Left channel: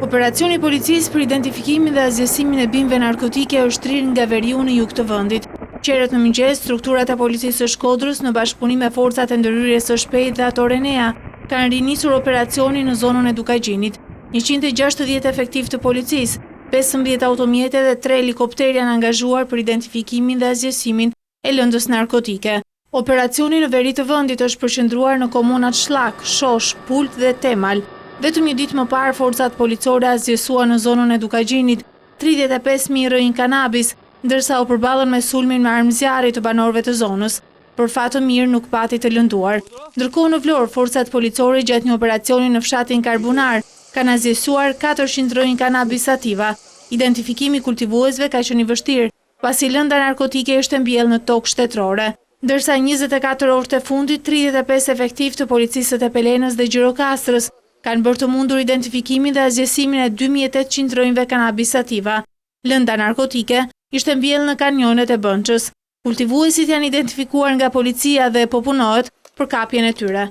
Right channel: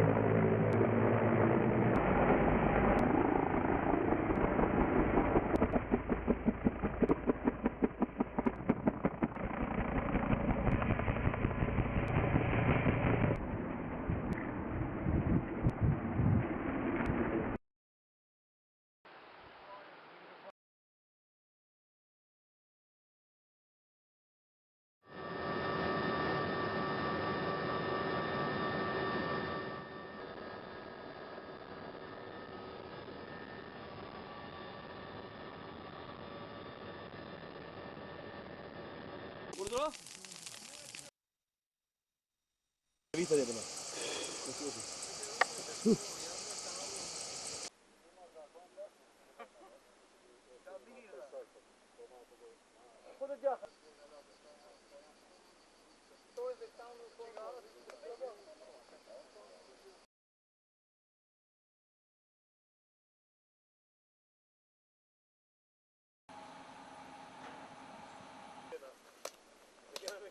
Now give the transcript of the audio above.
Operacioni i policisë për identifikimin dhe azjesimin e bimëve narkotike është trirë nga veriu në jug të vendit. Qerët në mëngjes, strukturat e policisë së Shkodrës në bashkëpunim me forcat e ndërhyrjes së shpejtë dhe ato Renea kanë rinisur operacionin në zonën e Dukagjinit. 160 efektiv të policisë, 15 automjete dhe 3 helikopter janë angazhuar për identifikimin dhe azjesimin e lëndës narkotike. Operacioni në veri të vendit është përqendruar në komunat Shlak, Shosh, Pult dhe Temal. Vetëm një ditë më parë, forcat policore azjesuan në zonën e Dukagjinit 35.000 rrënjë kanabis, ndërsa u përballën me sulmin me armë zjarri të banorëve të zonës. Për fat të mirë nuk pati të lënduar. Ndërkohë në Vlorë, forcat policore gjatë një operacioni në fshatin Karbunar kanë azjesuar 400 rrënjë kanabis sativa. Identifikimi i kultivuesve ka qenë i vështirë, pasi lënda narkotike është mbjellë në tokë shtetërore. Ndërsa 24 orët e fundit, 35 efektiv të policisë të Pelenës dhe Gjirokastrës kanë bërë të mundur identifikimin dhe azjesimin e 2800 rrënjëve kanabis sativa. Lënda narkotike ishte mbjellë në kanionet e Bënçës. Kultivuesit janë identifikuar nga policia dhe po punohet për kapjen e tyre.